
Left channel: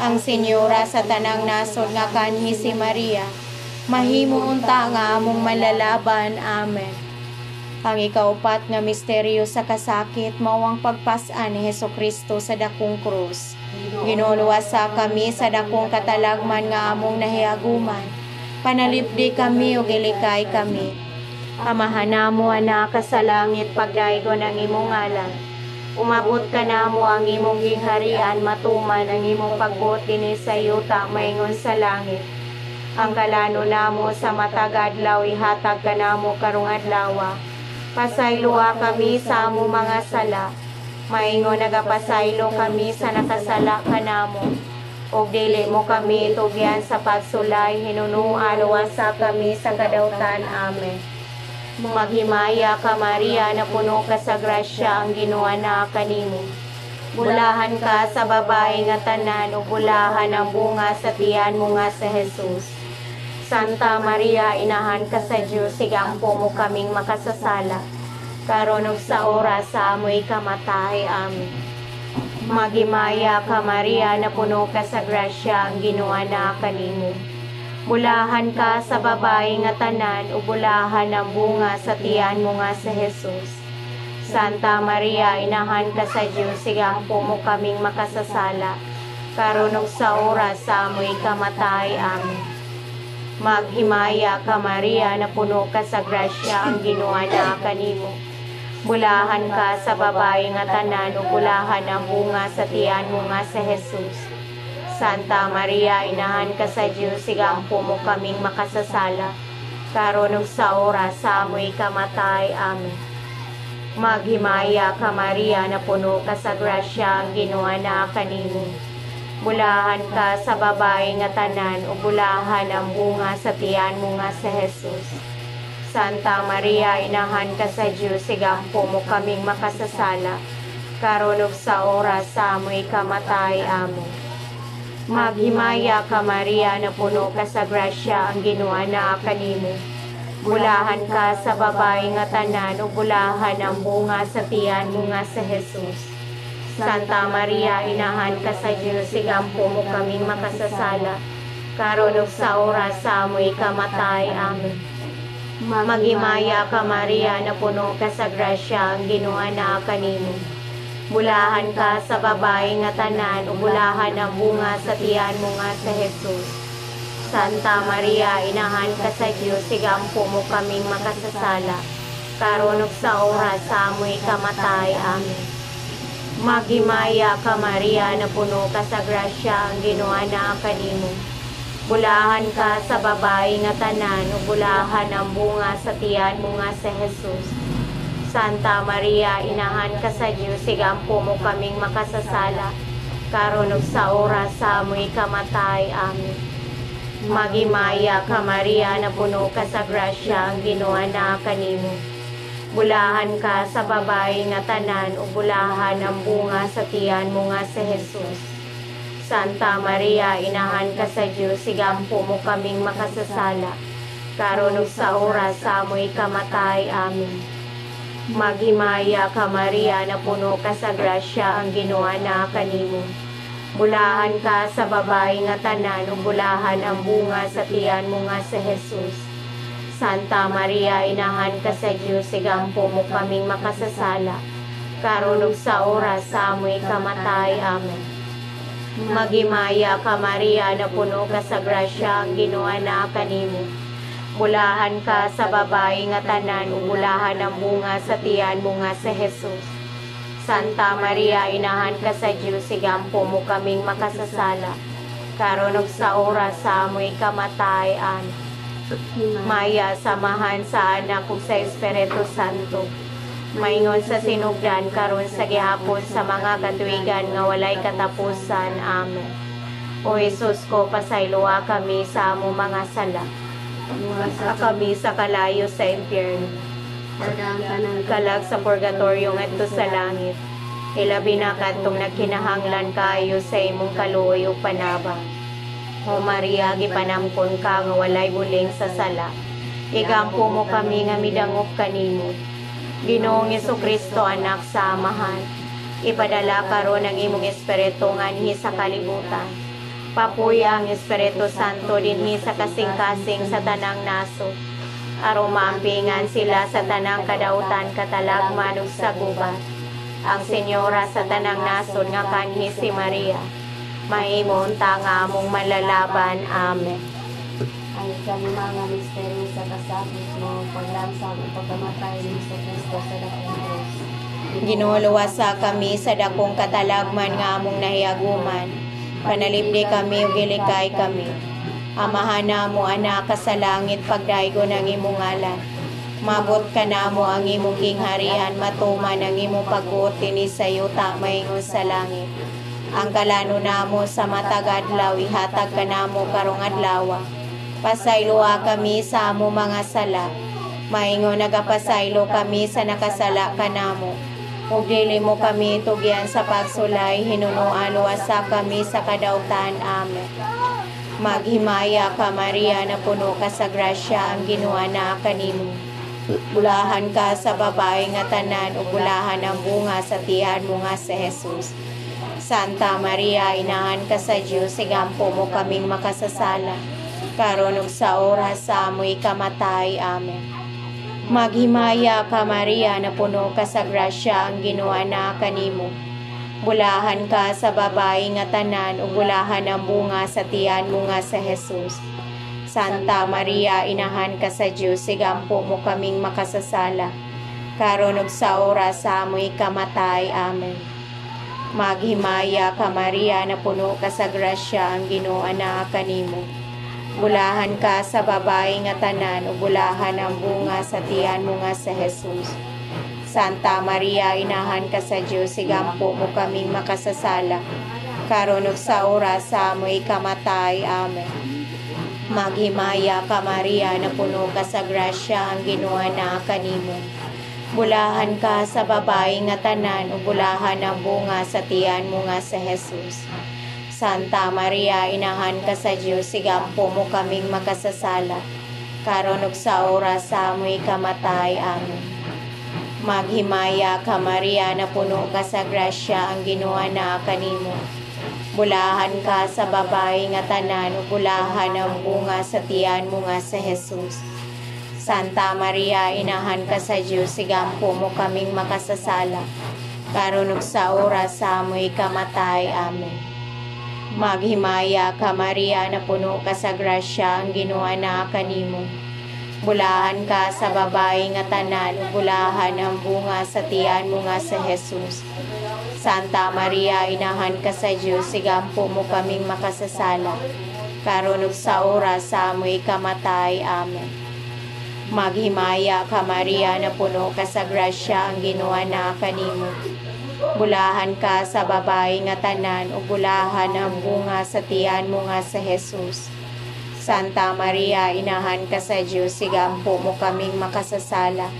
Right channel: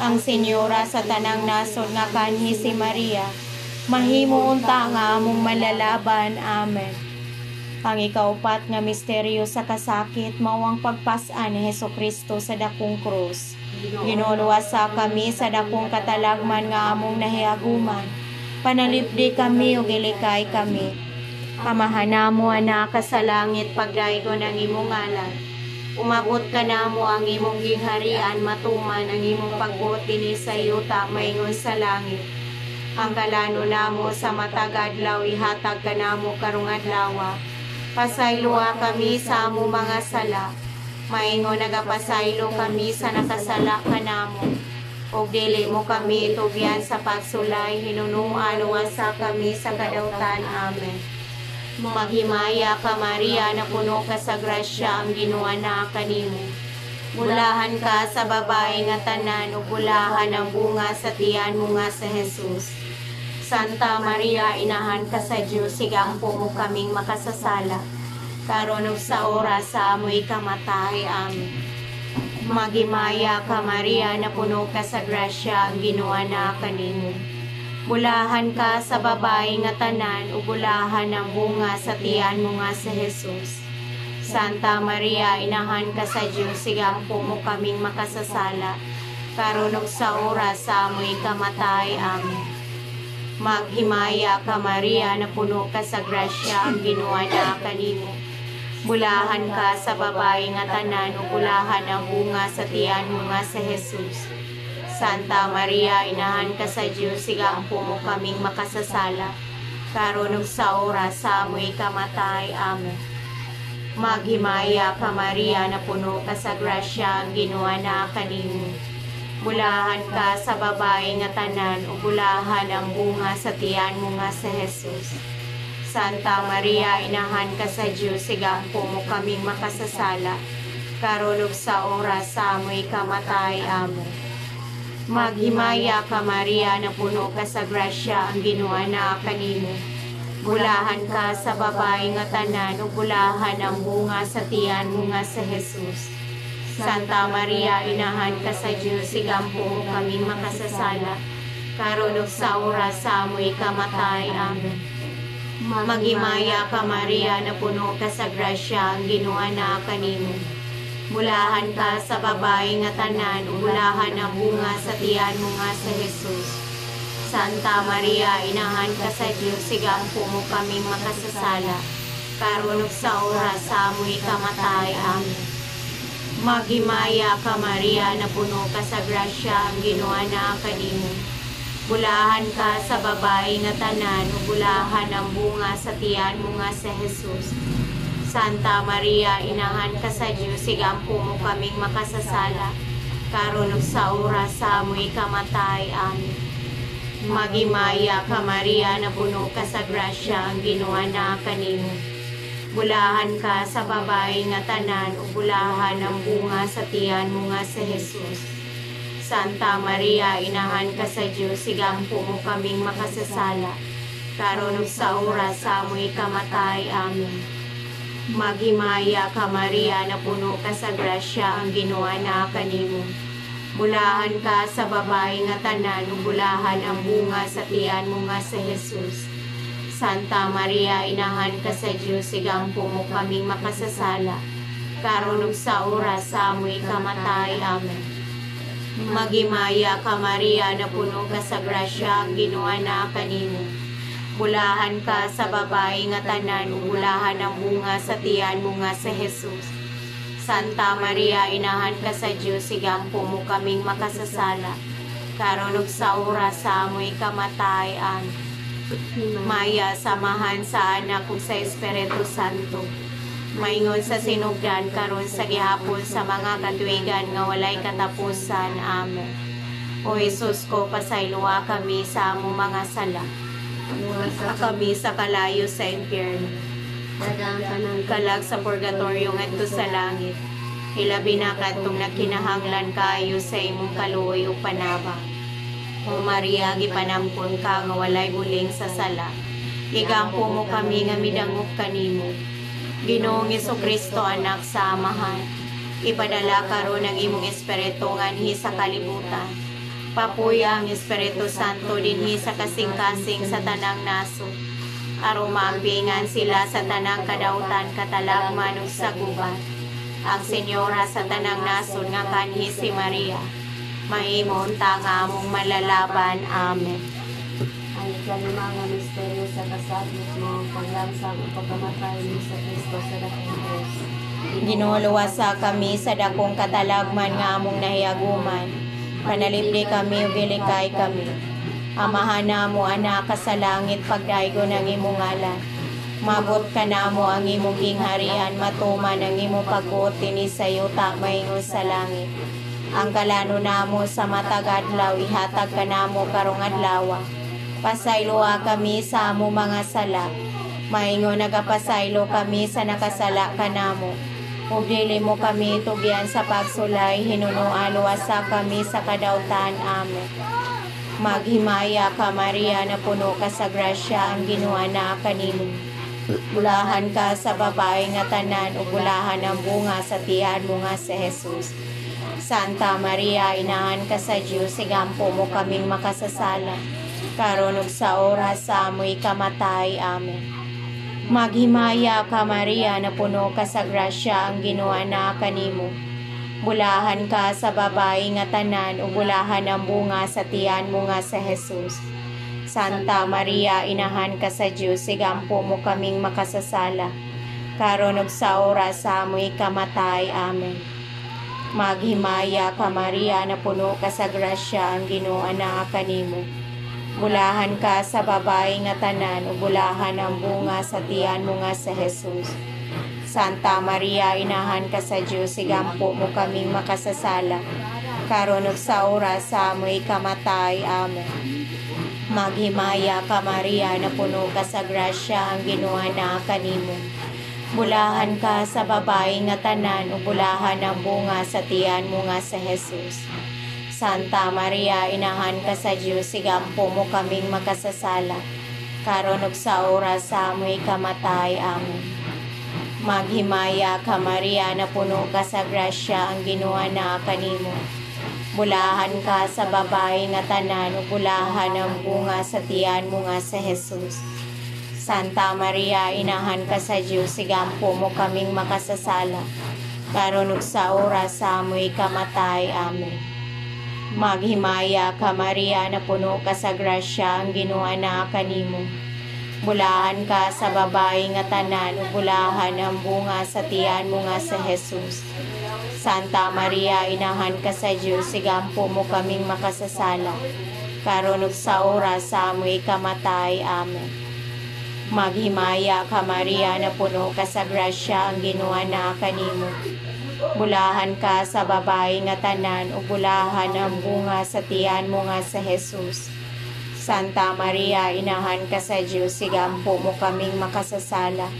Ang Senyora sa tanang nasod nga kanhi si Maria, mahimo unta nga among malalaban. Amen. Ang ikaupat nga misteryo sa kasakit mao ang pagpas-an ni Hesukristo sa dakong krus. Ginuluwasa kami sa dakong katalagman nga among nahiaguman. Panalipdi kami ug ilikay kami. Amahan namo anak ka sa langit, pagdaygon ang imong ngalan. Umabot ka namo ang imong giharian, matuman ang imong pagbuot dinhi sa yuta maingon sa langit. Ang kalano namo sa matag adlaw ihatag ka namo karong adlaw. Pasayloa kami sa among mga sala, maingon nagapasaylo kami sa nakasala kanamo. Ug dili mo kami itugyan sa pagsulay, hinunuan luwasa kami sa kadautan. Amen. Maghimaya ka Maria, na puno ka sa grasya, ang Ginoo na kanimo. Bulahan ka sa babae nga tanan, ug bulahan ang bunga sa tiyan mo nga sa Jesus. Santa Maria, inahan ka sa Dios, sigampo mo kaming makasasala, karon ug sa oras sa amoy kamatay. Amen. Maghimaya ka Maria, na puno ka sa grasya, ang Ginoo na kanimo. Bulahan ka sa babae nga tanan, ug bulahan ang bunga sa tiyan mo nga sa Jesus. Santa Maria, inahan ka sa Dios, sigampo mo kaming makasasala, karon ug sa oras sa amoy kamatay. Amen. Maghimaya ka Maria, na puno ka sa grasya, ang Ginoo na kanimo. Bulahan ka sa babae nga tanan, ug bulahan ang bunga sa tiyan mo nga sa Jesus. Santa Maria, inahan ka sa Dios, sigampo mo kaming makasasala, karon ug sa oras sa amoy kamatay. Amen. Maghimaya ka Maria, na puno ka sa grasya, ang Ginoo na kanimo. Bulahan ka sa babae nga tanan, ug bulahan ang bunga sa tiyan mo nga sa Jesus. Santa Maria, inahan ka sa Dios, sigampo mo kaming makasasala, karon ug sa oras sa amoy kamatay. Amen. Maghimaya ka Maria, na puno ka sa grasya, ang Ginoo na kanimo. Bulahan ka sa babae nga tanan, ug bulahan ang bunga sa tiyan mo nga sa Jesus. Santa Maria, inahan ka sa Dios, sigampo mo kaming makasasala, karon ug sa oras sa amoy kamatay. Amen. Maghimaya ka Maria, na puno ka sa grasya, ang Ginoo na kanimo. Bulahan ka sa babae nga tanan, ug bulahan ang bunga sa tiyan mo nga sa Jesus. Santa Maria, inahan ka sa Dios, sigampo mo kaming makasasala, karon ug sa oras sa amoy kamatay. Amen. Maghimaya ka Maria, na puno ka sa grasya, ang Ginoo na kanimo. Bulahan ka sa babae nga tanan, ug bulahan ang bunga sa tiyan mo nga sa Jesus. Santa Maria, inahan ka sa Dios, sigampo mo kaming makasasala, karon ug sa oras sa amoy kamatay. Amen. Maghimaya ka Maria, na puno ka sa grasya, ang Ginoo na kanimo. Bulahan ka sa babae nga tanan, ug bulahan ang bunga sa tiyan mo nga sa Jesus. Santa Maria, inahan ka sa Dios, sigampo mo kaming makasasala, karon ug sa oras sa amoy kamatay. Amen. Maghimaya ka Maria, na puno ka sa grasya, ang Ginoo na kanimo. Bulahan ka sa babae nga tanan, ug bulahan ang bunga sa tiyan mo nga sa Jesus. Santa Maria, inahan ka sa Dios, sigampo mo kaming makasasala, karon ug sa oras sa amoy kamatay. Amen. Maghimaya ka Maria, na puno ka sa grasya, ang Ginoo na kanimo. Bulahan ka sa babae nga tanan, ug bulahan ang bunga sa tiyan mo nga sa Jesus. Santa Maria, inahan ka sa Diyos, igampo mo kaming makasasala, karon ug sa oras sa amoy kamatayan. Maya, samahan sa anak ug sa Espiritu Santo, maingon sa sinugdan karon sa gihapon sa mga katuigan nga walay katapusan. Amen. O Jesus ko, pasayloa kami sa among mga sala, kami sa kalayo sa impyerno, kalag sa purgatorio ngadto sa langit, ilabi na kadtong nagkinahanglan kaayo sa imong kaluoy ug panabang. O Maria, gipanangkon ka nga walay buling sa sala, igampo mo kami nga midangop kanimo. Ginoong Jesucristo, anak sa Amahan, ipadala karon ang imong espiritu nganhi sa kalibutan. Papuya ang Espiritu Santo dinhi sa kasing-kasing sa tanang naso, aron maampingan sila sa tanang kadautan, katalagman ug saguban. Ang Senyora sa tanang nasod nga kanhi si Maria, mahimong nga among malalaban. Amen. Ang ikalima nga misteryo sa kasabot mo, paglansang o pagkamatay ni Kristo sa dakong krus. Ginuluwasa kami sa dakong katalagman nga among nahiaguman. Panalipdi kami ug gilikay kami. Amahan namo anak ka sa langit, pagdaygo ng imong ngalan. Mabot ka namo ang imong gingharian, matuman ang imong pagbuot dinhi sa yuta maingon sa langit. Ang kalano namo sa matag adlaw, ihatag ka namo karong adlaw. Pasayloa kami sa amo mga sala, maingon nagapasaylo kami sa nakasala ka namo. Ug dili mo kami tugyan sa pagsulay, hinunoa luwasa kami sa kadautan. Amen. Maghimaya ka Maria, na puno ka sa grasya, ang Ginoo na kanimo. Bulahan ka sa babae nga tanan, ug bulahan ang bunga sa tiyan mo nga si Jesus. Santa Maria, inahan ka sa Diyos, igampo mo kaming makasasala, karon ug sa oras sa amoy kamatay. Amen. Maghimaya ka Maria, na puno ka sa grasya, ang Ginoo na kanimo. Bulahan ka sa babae nga tanan, ug bulahan ang bunga sa tiyan mo nga si Jesus. Santa Maria, inahan ka sa Diyos, igampo mo kaming makasasala, karon ug sa oras sa amoy kamatay. Amen. Maghimaya ka Maria, na puno ka sa grasya, ang Ginoo na kanimo. Bulahan ka sa babae nga tanan, ug bulahan ang bunga sa tiyan mo nga si Jesus. Santa Maria, inahan ka sa Diyos, igampo mo kaming makasasala, karon ug sa oras sa amoy kamatay. Amen. Maghimaya ka Maria, na puno ka sa grasya, ang Ginoo na kanimo. Bulahan ka sa babae nga tanan, ug bulahan ang bunga sa tiyan mo nga si Jesus. Santa Maria, inahan ka sa Diyos, igampo mo kaming makasasala, karon ug sa oras sa amoy kamatay. Amen. Maghimaya ka Maria, na puno ka sa grasya, ang Ginoo na kanimo. Bulahan ka sa babae nga tanan, ug bulahan ang bunga sa tiyan mo nga si Jesus. Santa Maria, inahan ka sa Diyos, igampo mo kaming makasasala, karon ug sa oras sa amoy kamatay. Amen. Maghimaya ka Maria, na puno ka sa grasya, ang Ginoo na kanimo. Bulahan ka sa babae nga tanan, ug bulahan ang bunga sa tiyan mo nga si Jesus. Santa Maria, inahan ka sa Diyos, igampo mo kaming makasasala, karon ug sa oras sa amoy kamatay. Amen. Maghimaya ka Maria, na puno ka sa grasya, ang Ginoo na kanimo. Bulahan ka sa babae nga tanan, ug bulahan ang bunga sa tiyan mo nga si Jesus. Santa Maria, inahan ka sa Diyos, igampo mo kaming makasasala,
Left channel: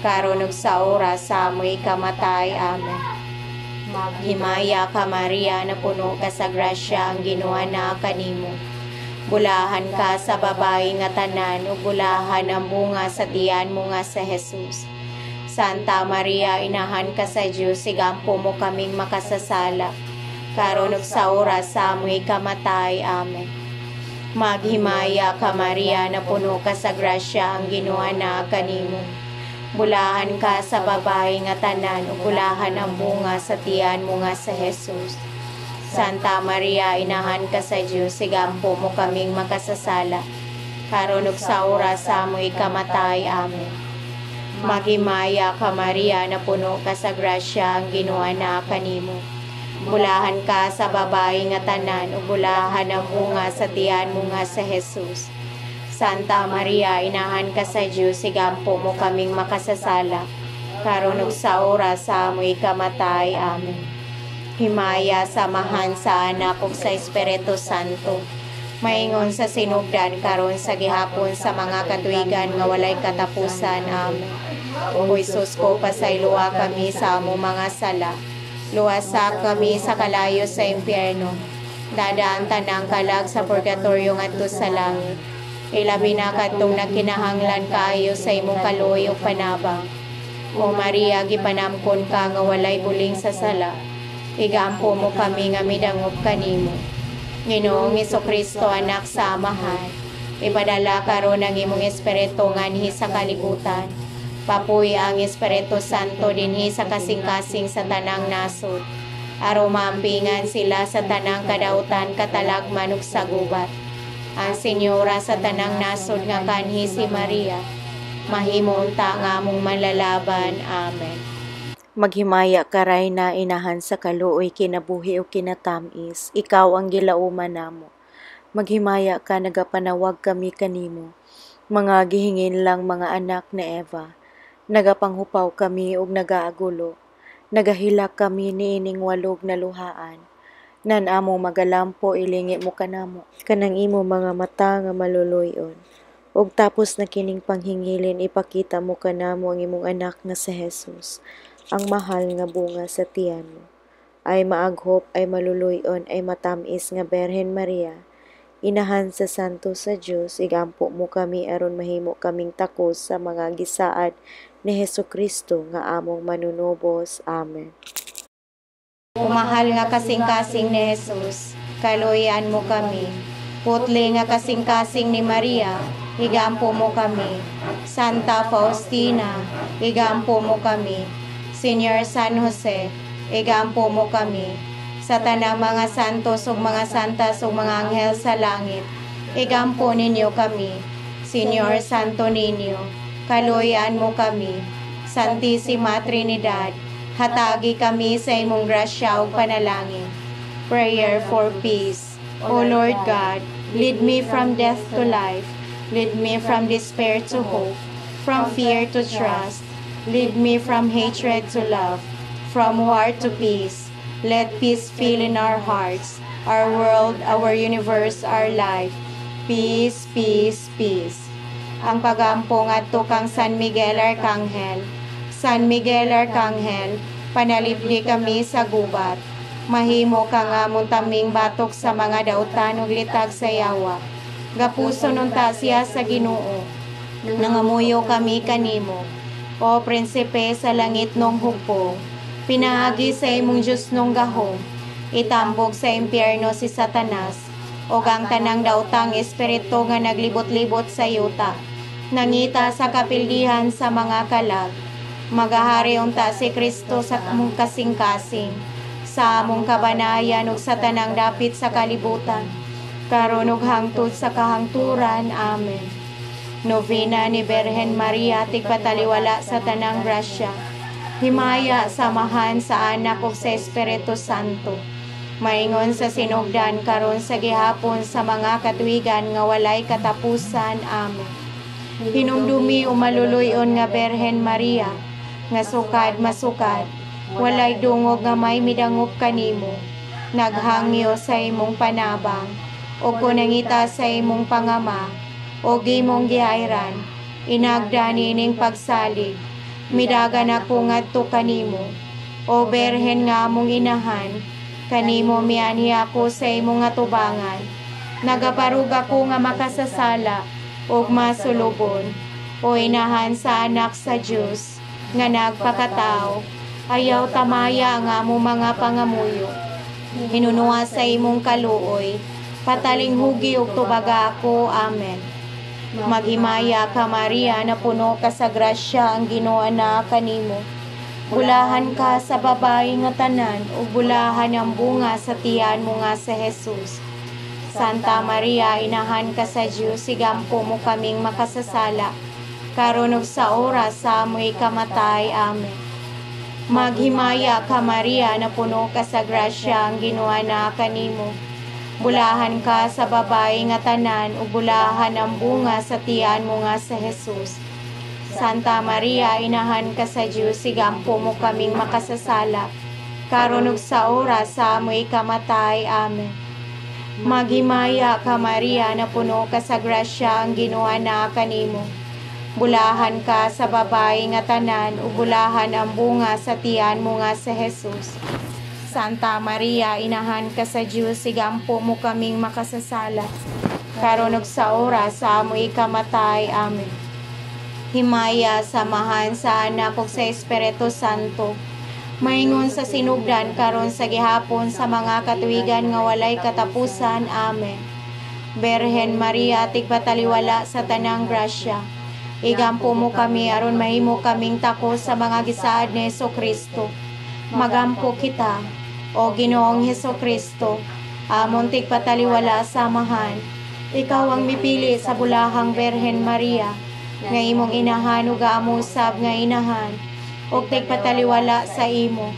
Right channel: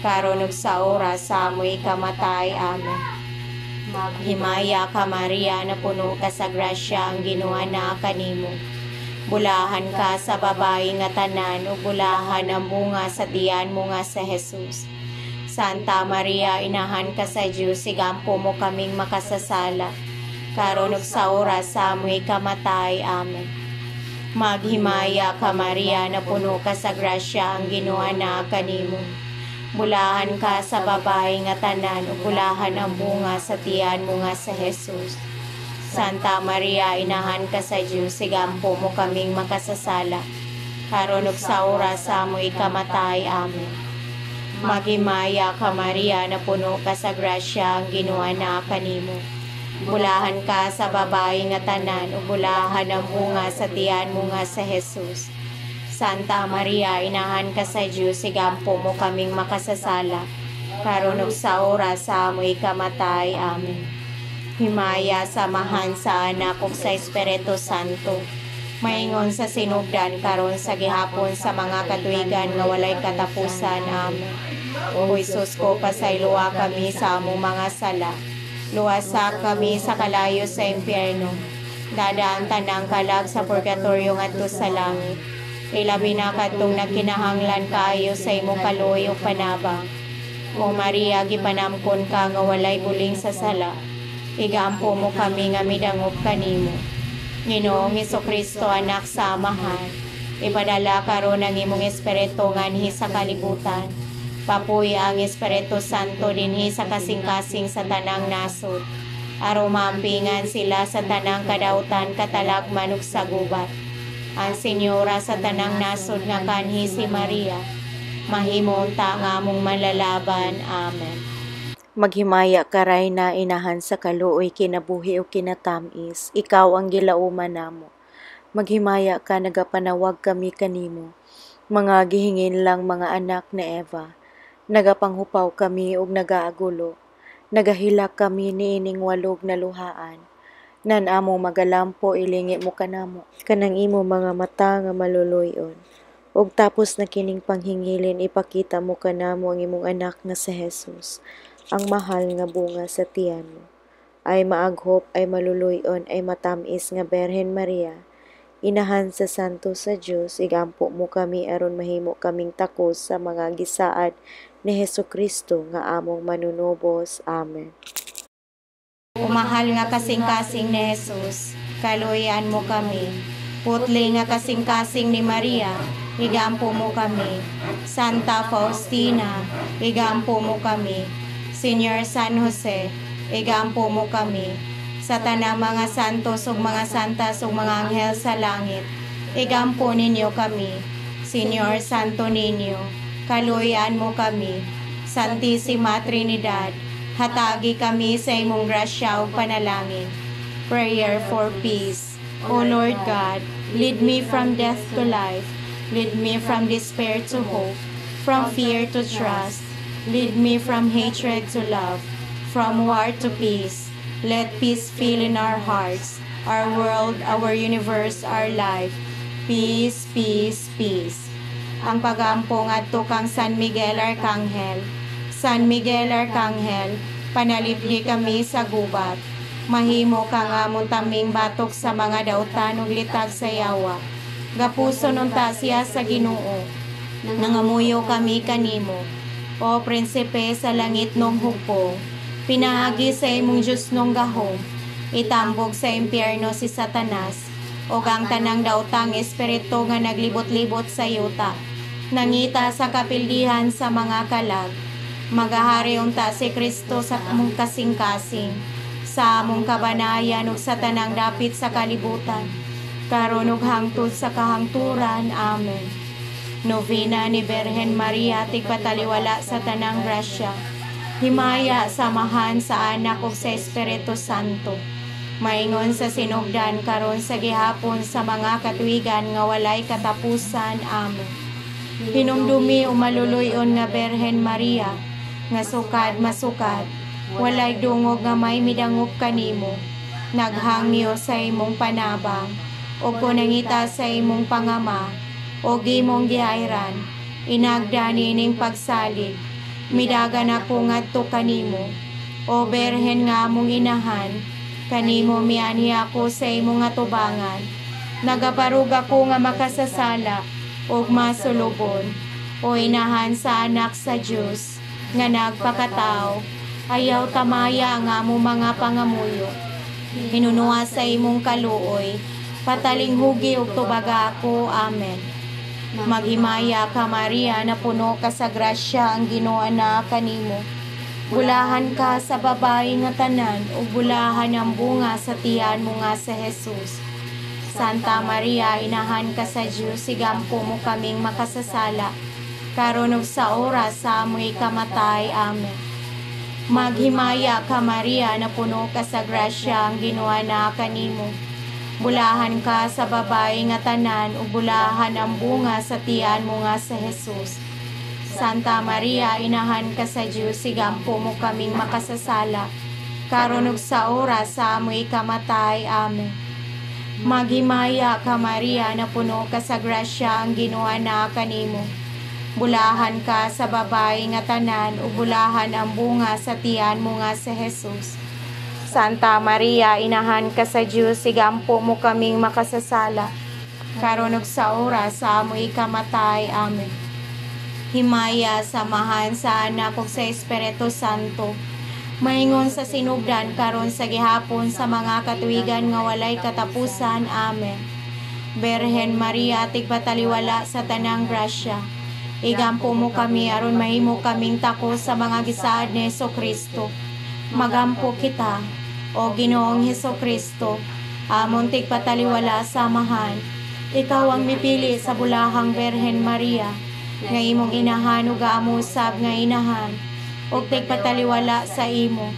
karon ug sa oras sa amoy kamatay. Amen. Maghimaya ka Maria, na puno ka sa grasya, ang Ginoo na kanimo. Bulahan ka sa babae nga tanan, ug bulahan ang bunga sa tiyan mo nga si Jesus. Santa Maria, inahan ka sa Diyos, igampo mo kaming makasasala, karon ug sa oras sa amoy kamatay. Amen. Maghimaya ka Maria, na puno ka sa grasya, ang Ginoo na kanimo. Bulahan ka sa babae nga tanan, ug bulahan ang bunga sa tiyan mo nga si Jesus. Santa Maria, inahan ka sa Diyos, igampo mo kaming makasasala, karon ug sa oras sa amoy kamatay. Amen. Maghimaya ka Maria, na puno ka sa grasya, ang Ginoo na kanimo. Bulahan ka sa babae nga tanan, ug bulahan ang bunga sa tiyan mo nga sa Jesus. Santa Maria, inahan ka sa Dios, igampo mo kaming makasasala, karon ug sa oras sa amoy kamatay. Amen. Himaya samahan sa anak ug sa Espiritu Santo, maingon sa sinugdan karon sa gihapon sa mga katuigan nga walay katapusan. Amen. O Jesus ko, pasayloa kami sa among mga sala, luwasak kami sa kalayo sa impyerno, dadaan tanang kalag sa purgatorio ngadto sa langit. Ilabi na kadtong nagkinahanglan kaayo sa imong kaluoy ug panabang. O Maria, gipanamkon ka nga walay buling sa sala, igampo mo kami nga midangop kanimo. Ginoong Hesukristo, anak sa amahan, ipadala karon ang imong espiritu nganhi sa kalibutan. Papuy ang Espiritu Santo dinhi sa kasing-kasing sa tanang nasod, aron maampingan sila sa tanang kadautan, katalagman ug sa gubat. Ang Senyora sa tanang nasod nga kanhi si Maria, mahimo unta nga among malalaban. Amen. Maghimaya ka Rayna, inahan sa kaluoy, kinabuhi o kinatamis, ikaw ang gilauman namo. Maghimaya ka, nagapanawag kami kanimo, mga gihingin lang mga anak ni Eva. Nagapanghupaw kami ug nagaagulo, nagahilak kami niining walog na luhaan. Nan amo magalampo, ilingi mo kanamo, kanang imo mga mata nga maluluyon. Ug tapos na kining panghingilin, ipakita mo kanamo ang imong anak nga si Jesus, ang mahal nga bunga sa tiyan mo. Ay maaghop, ay maluluyon, ay matamis nga Berhen Maria, inahan sa santo sa Dios, igampo mo kami aron mahimo kaming takos sa mga gisaad ni Hesukristo nga among manunubos. Amen. O mahal nga kasing-kasing ni Jesus, kaluyan mo kami. Putli nga kasing-kasing ni Maria, igampo mo kami. Santa Faustina, igampo mo kami. Señor San Jose, igampo mo kami. Sa tanang mga santos ug mga santas ug mga anghel sa langit, igampo ninyo kami. Señor Santo Niño, kaluyan mo kami. Santisima Trinidad, hatagi kami sa imong grasya ug panalangin. Prayer for peace. O Lord God, lead me from death to life. Lead me from despair to hope, from fear to trust. Lead me from hatred to love, from war to peace. Let peace fill in our hearts, our world, our universe, our life. Peace, peace, peace. Ang pagampo ngadto kang San Miguel Arcangel. San Miguel Arcangel, panalipdi kami sa gubat. Mahimo ka nga muntaming batok sa mga dautan ug litag sa yawa. Gapuso nung tasya sa Ginoo, nangamuyo kami kanimo. O prinsipe sa langit nung hukbo, pinaagi sa imong Diyos nung gahom, itambog sa impyerno si Satanas, o ang tanang dautang espiritu nga naglibot-libot sa yuta, nangita sa kapildihan sa mga kalag. Magahari unta si Kristo sa among kasing-kasing, sa among kabanayan ug sa tanang dapit sa kalibutan, karon ug hangtod sa kahangturan. Amen. Novena ni Berhen Maria, tigpataliwala sa tanang grasya. Himaya samahan sa anak ug sa Espiritu Santo, maingon sa sinugdan karon sa gihapon sa mga katuigan nga walay katapusan. Amen. Hinumdumi o maluluyon nga Berhen Maria, nga sukad masukad, walay dungog nga may midangop kanimo, naghangyo sa imong panabang, o kunangita sa imong pangama, o gimong gihayran, inagda nining pagsalig, midagan ako ngadto kanimo, o Berhen nga among inahan, kanimo mianhi ako sa imong atubangan, nagaparug ako nga makasasala, o masulubon, o inahan sa anak sa Dios nga nagpakatao, ayaw tamaya ang among mga pangamuyo. Hinunuha sa imong kaluoy, pataling hugi ug tubaga ako. Amen. Maghimaya ka Maria, na puno ka sa grasya, ang Ginoo na kanimo. Bulahan ka sa babae nga tanan, ug bulahan ang bunga sa tiyan mo nga sa Jesus. Santa Maria, inahan ka sa Dios, igampo mo kaming makasasala, karon ug sa oras sa amoy kamatay. Amen. Maghimaya ka Maria, na puno ka sa grasya, ang Ginoo na kanimo. Bulahan ka sa babae nga tanan, ug bulahan ang bunga sa tiyan mo nga sa Jesus. Santa Maria, inahan ka sa Dios, sigampo mo kaming makasasala, karon ug sa oras sa amoy kamatay. Amen. Maghimaya ka Maria, na puno ka sa grasya, ang Ginoo na kanimo. Bulahan ka sa babae nga tanan, ug bulahan ang bunga sa tiyan mo nga sa Jesus. Santa Maria, inahan ka sa Dios, sigampo mo kaming makasasala, karon ug sa oras sa amoy kamatay. Amen. Himaya samahan sa Anak ug sa Espiritu Santo, maingon sa sinugdan karon sa gihapon sa mga katuigan nga walay katapusan. Amen. Berhen Maria, tigpataliwala sa tanang grasya, igampo mo kami aron mahimo kaming takos sa mga gisaad ni Hesukristo. Magampo kita, o Ginoong Hesukristo, amon tigpataliwala samahan. Ikaw ang mipili sa bulahang Berhen Maria, nga imong inahan ug gaamusab nga inahan, ug tigpataliwala sa imo,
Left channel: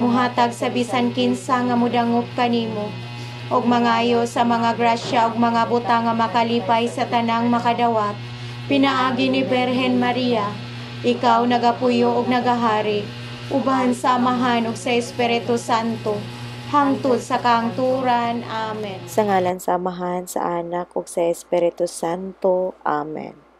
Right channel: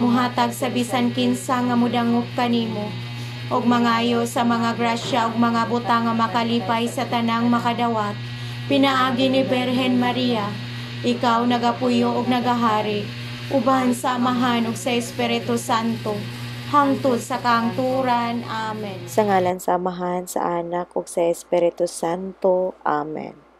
muhatag sa bisan kinsa nga mudangop kanimo, ug mangayo sa mga grasya ug mga butang nga makalipay sa tanang makadawat. Pinaagi ni Berhen Maria, ikaw nagapuyo ug nagahari, uban samahan ug sa Espiritu Santo, hangtod sa kaangturan. Amen. Sa ngalan samahan sa Anak ug sa Espiritu Santo. Amen.